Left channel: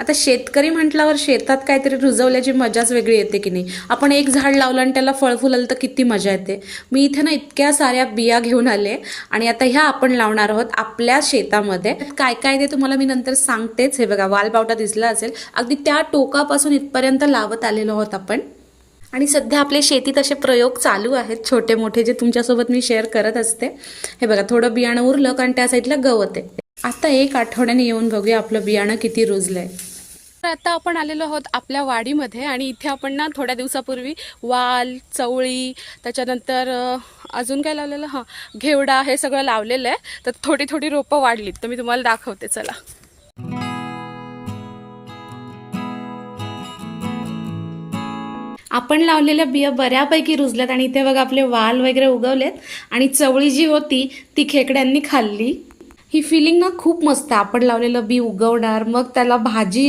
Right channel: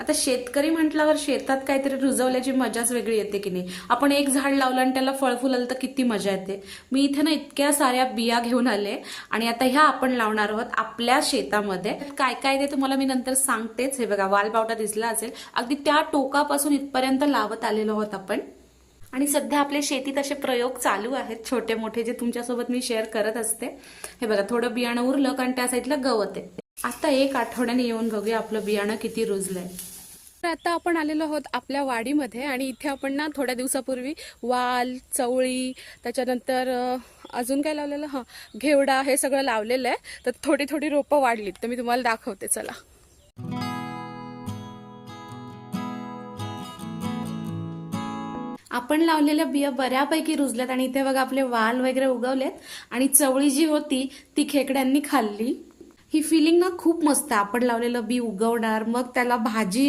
आता शेतकरी म्हटल्यावर शेतात काहीतरी रुजवल्याची मजाच वेगळी येते की नाही. आपण एक झाड लावलं आणि त्याला फळ फुललं तर किती मजा येते. मी इथे ना इतक्या साऱ्या बिया घेऊन आले आणि आता ह्या आपण लावणार आहोत आपल्या शेतामध्ये. काय काय ते तुम्हाला मी नंतर सांगतेच. हे बघा, वालपावटा दिसला असेल, अगदी त्या टोकापासून इथपर्यंत लावत आलेलो आहोत आपण. आणि सध्या आपल्या शेतीत असे प्रयोग चालू आहेत छोटे मोठे, जे तुमच्यासोबत मी शेअर करत असते. हे बघा, थोडं बियाणं उरलं कारण त्या साईडला गवत आहे. आता एक आठवड्याने येऊन बघूया आपलं बियाणं किती रुजलंय. तर आता आपण आलेलो आहोत आपल्या वाडीमध्ये आणि इथे आपण ना थोड्या दिवसापूर्वी वाल, चवळी, त्याच्यानंतर अजून काय लावलेलं, घेवडा, हे सगळं लावलेलं आहे. तर थोडी थोडी रोपं वाढलीत, तर मी तुम्हाला दाखवते, चला. आपण लावलेल्या बिया बऱ्यापैकी रुजल्यात आणि इथे बघा आपले वाल वगैरे उगवलेत आणि चवळी जी होती ती खेकड्यांनी खाल्ली. ही फिलिंग ना खूप मस्त आहे. आपण लावलेलं बी उगवणार, मग त्याला भाजी